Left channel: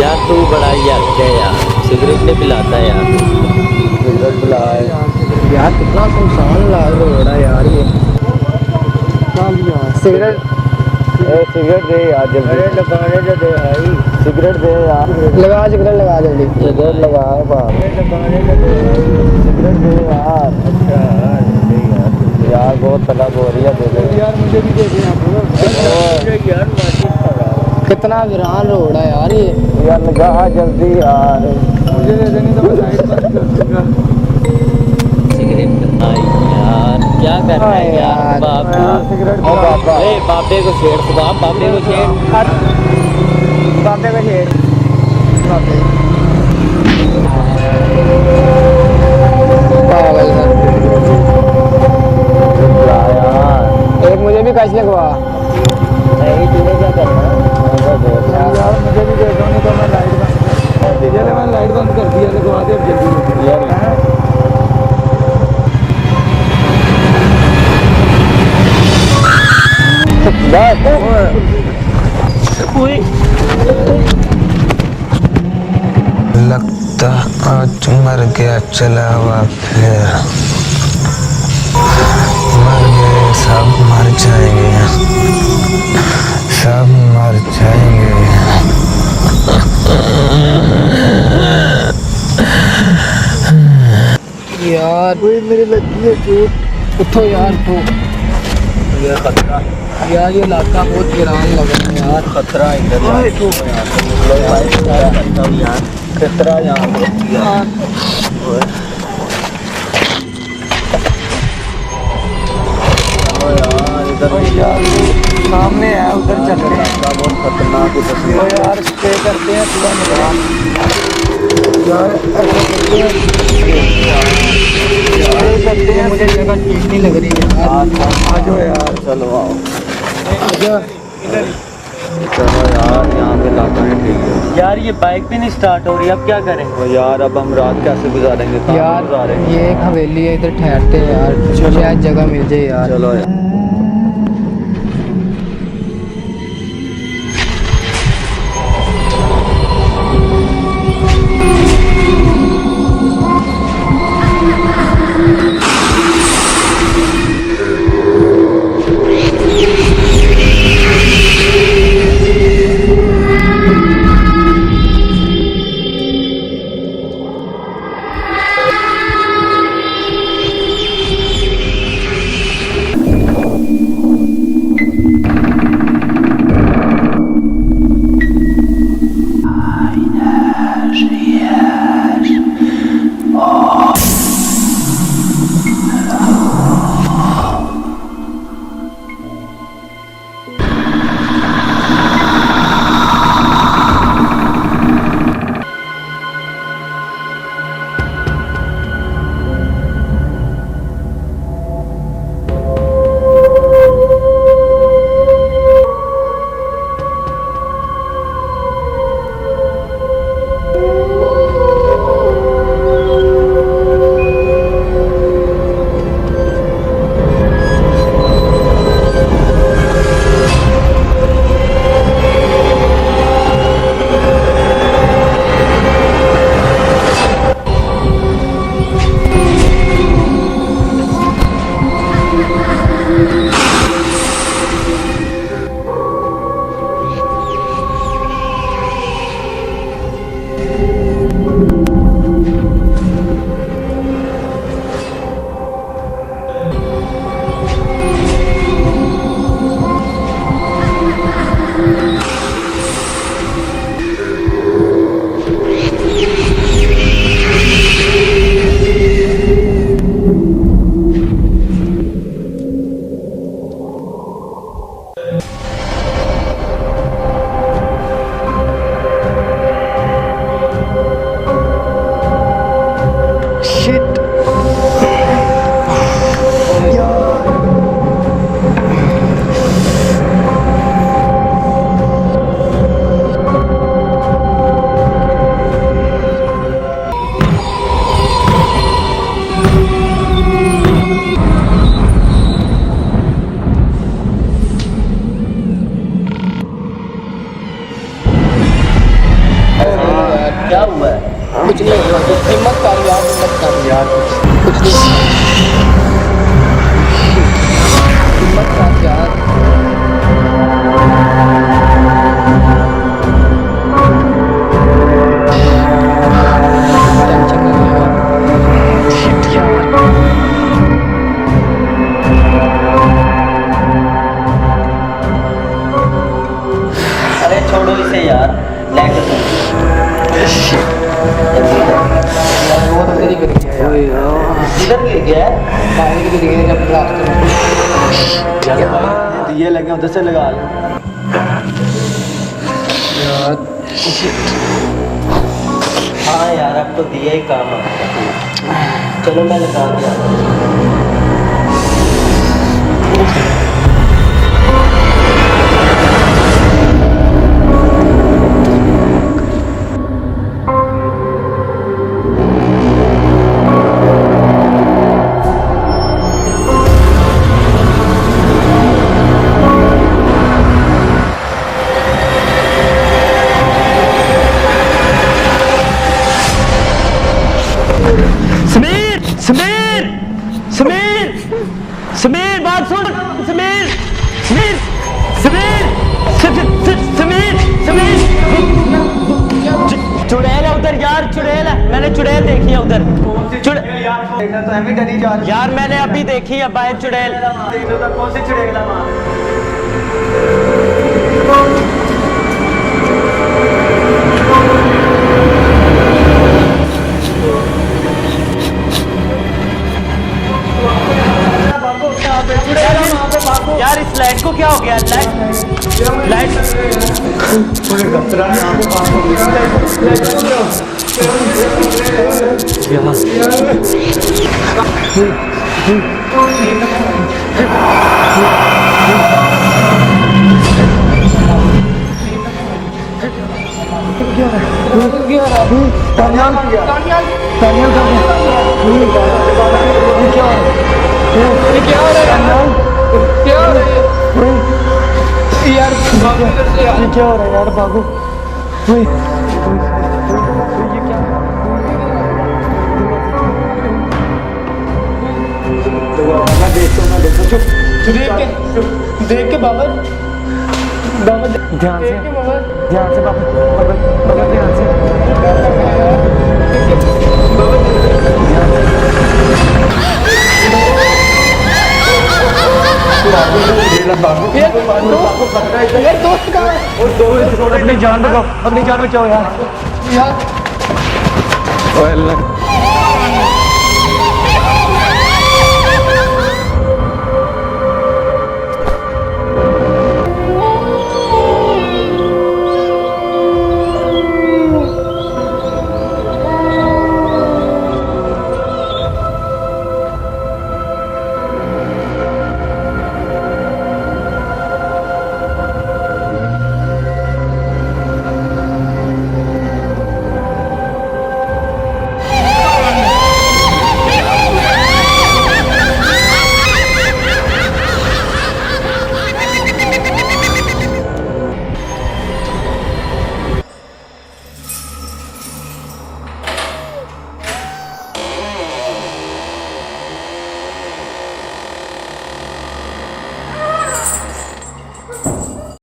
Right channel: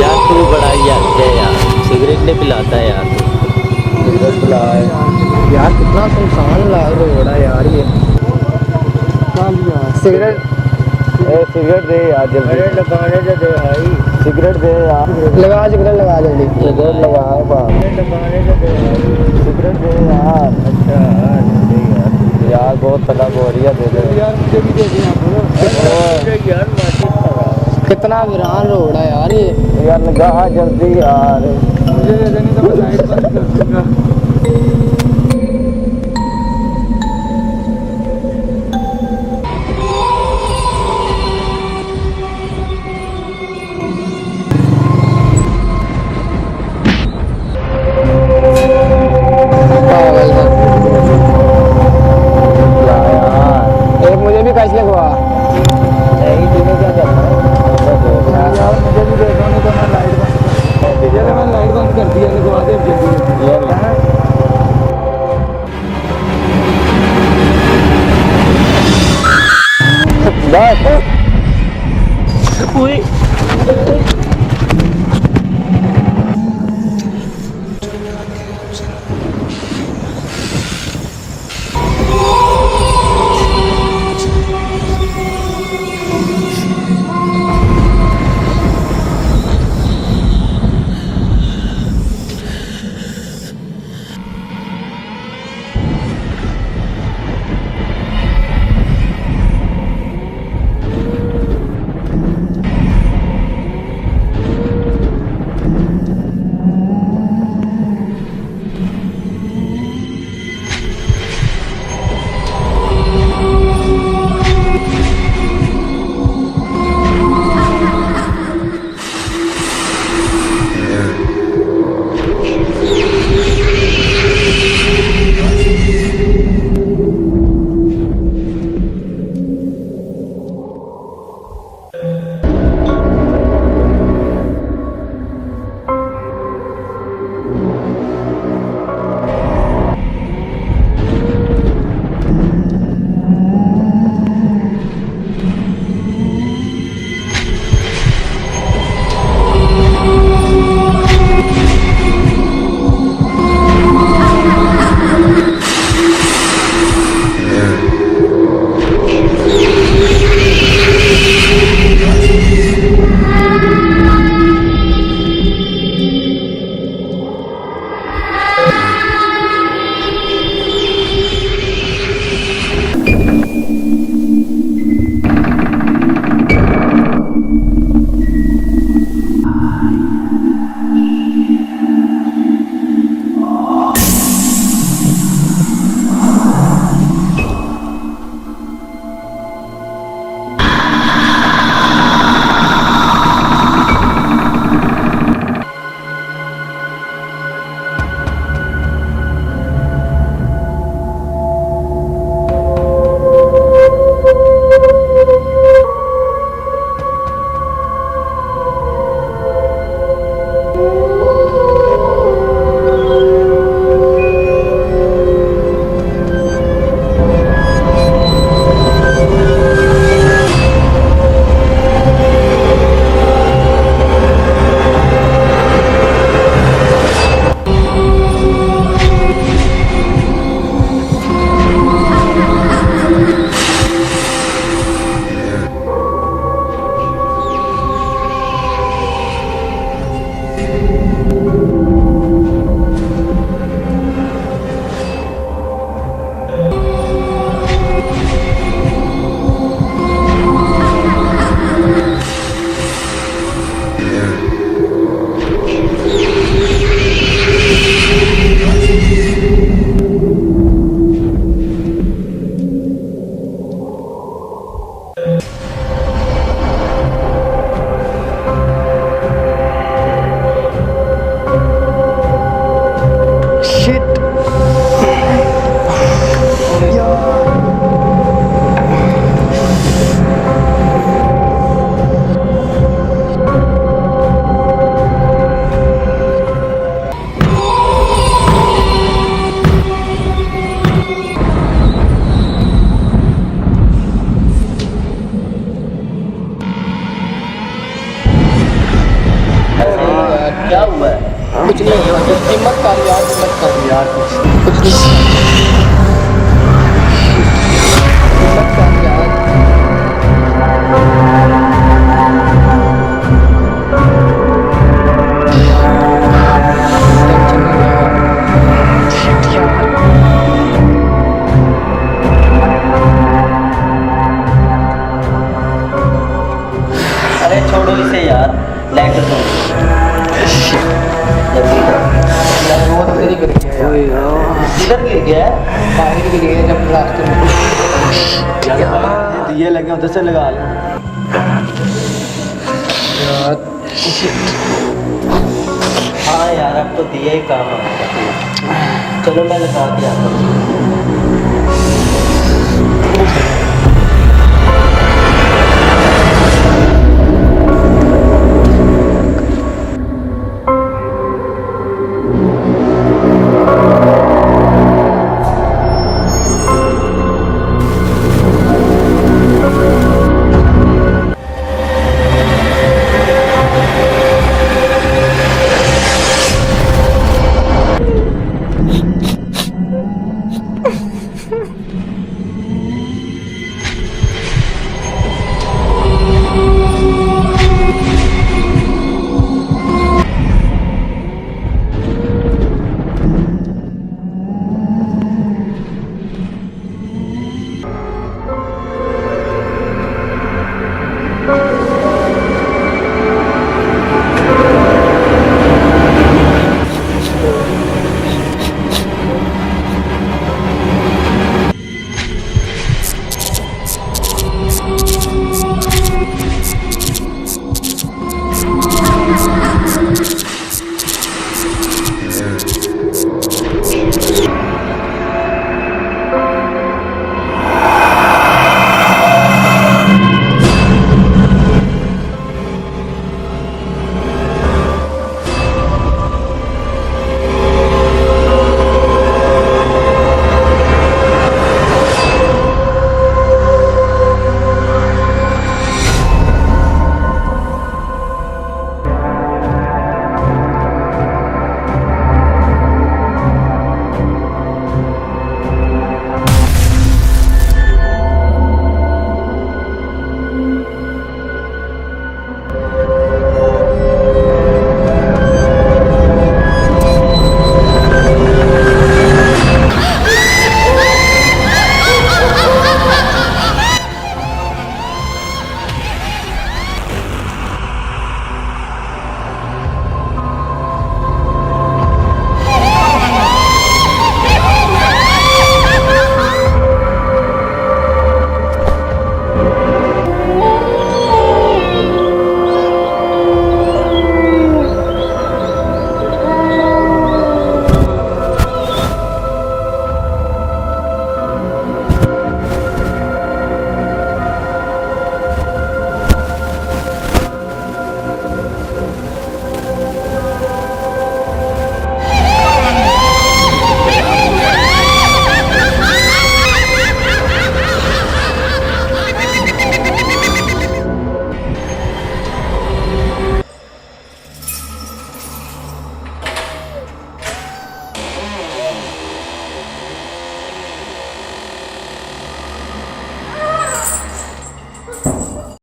यार तू बड़ा यार क्या यार, सिगरेट नहीं पिलाता यार तू। सिगरेट पिला यार कितना सुनसान लग रहा है यार ये सिगरेट। सिगरेट दे यार जल्दी। अरे लगाने दे भाई, सिगरेट दे यार। लगा सिगरेट लगा जल्दी। सिगरेट लगा बाप। लगाने दे भाई, सिगरेट दे यार। अच्छा दे यार। यार बहुत तलब हो रही है, दे दे यार मुझे भी दे दे यार। कितना वीरान रोड है यार ये। यार लगा जल्दी यार। मुझे दे देनी तो मैं लाइट बंद कर दूंगा। यार क्या करना है यार बाप। बापे को छेड़ बाप, बापे को छेड़। बापे का शेर पागल है यार। एक मुझे भी कच लगवा। नहीं तूने क्या करना है? यार मुझे भी दे दो, नहीं तो मैं लाइट बंद कर। चले मैं लाइट बंद कर दिया, लगवा दे जल्दी यार लगता आज मर गया चला हुआ फिर मर गए सब मर जाएंगे, सब मर जाएंगे। यार मेरी लगी है चोट। उठो यार तो ये खतरा यार, ये इलाका बहुत वीरान लग रहा है यार। खतरा इधर यार, खतरा यहाँ सामने है, उधर चल रहे हैं। तो यार स्टे करते हैं पूरा यार। ऐसा करते हैं, मुझे जगह ठीक नहीं लग रही है यार। आ जाओ यार, चलो आओ। चलो यार यहाँ पे काटो है। यार ये बाइक भी नहीं स्टार्ट हो रही, अब क्या करें? तो यार अब हम रात कैसे गुजारेंगे? यार ये एक हवेली है, इधर ठहरते हैं यार, शायद जगह मिल जाए यार। चलो यार। क्या हुआ है? कुछ नहीं, हिम्मत कर यार, हिम्मत कर यार, कुछ नहीं, हिम्मत कर यार। टेंशन नहीं लेगा। अरे छोड़ो इसे यार, लेकर दो। वो तो तेरी गिर गया यार, किधर गिर गया है? बाहर गिर गया जब रास्ते में। दिए लगे उधर से लगा लो यार हाँ यार, अब तो दिया ही काम आएगा। चलो मैं लगा के आता हूँ। समीर समीर समीर समीर बात सुन समीर समीर समीर समीर समीर चुड़ैल है उधर यार, चुड़ैल है, मैंने चुड़ैल देखी है उधर। यार मैंने अभी देखी है बाहर चुड़ैल। कौन सी चुड़ैल? यार इस लाइट को क्या हो गया? लाइट क्या हो रहा है यार बाबू? देख के बाबा, ध्यान से अपनी जान बचाओ, अपनी जान बचाओ यार।